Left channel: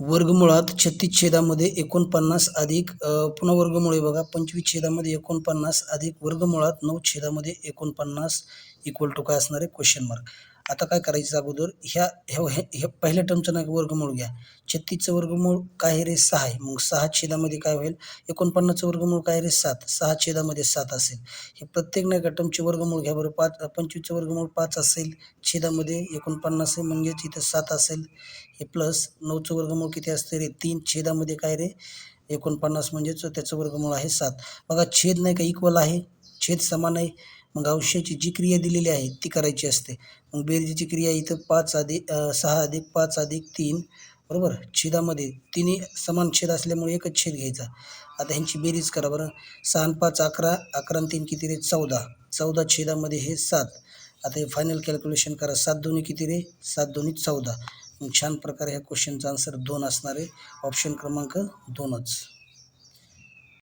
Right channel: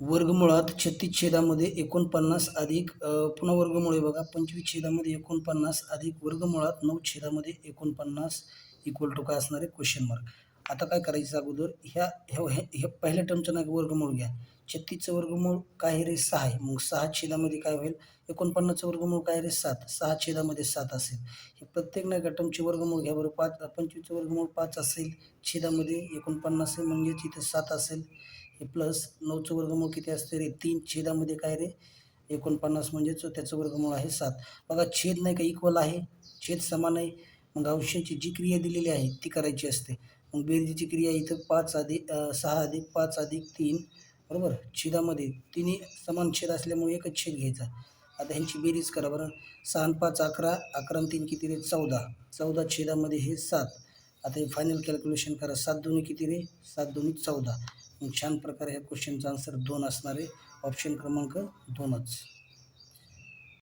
वर्गमुळात 36 छेदामध्ये 49 अधिक पुन्हा वर्गमूळ आहे बघा 25 छेदामध्ये 49 अधिक वर्गमुळात 9 छेदामध्ये 49 इक्वल टू काय असणार आहे क्वेश्चन मार्क. आता काय करायचं अगोदर ह्या ह्या ह्या पहिल्या टर्मचं नाही वर्गमूळ घ्या. 36चं वर्गमूळ काय आहे रे 6 आहे. मग 6 छेदामध्ये काय होईल 49चं वर्गमूळ काय रे 7. 6 छेदामध्ये 7 असेल. हे प्रत्येक नाही का टर्मचे वर्गमूळ घ्या बरं. 25चं वर्गमूळ 5 असेल. छेदामध्ये 49 आहे म्हणजेच इथं 7 असेल. हे प्लस 9चं वर्गमूळ किती असते रे 3 छेदामध्ये काय रे 49 म्हणजेच त्याचं वर्गमूळ आहे 7. बघा छेद नाही का इक्वल आहे. छेद समान आहे. मग अंशाची जी क्रिया दिलेली आहे ती करायची असते. मग बेरजेची क्रिया इथं 6 अधिक 5 अधिक 3 बरोबर. छेदामध्ये तिन्ही समान छेद असल्यामुळे एकच छेद घ्यायचा. आता ह्यांची बेरीज करा बरं. 6 आणि 5 11, 11 आणि 3 किती रे 14. 14 छेदामध्ये हे 7. आता हे फायनल कॅल्क्युलेशन करा. 7 दोन्ही किती रे 7 दोन्ही 14. मग छान प्रकारे ह्या क्वेश्चनचा आन्सर 2 असणार आहे. ऑप्शन क्रमांक 2च.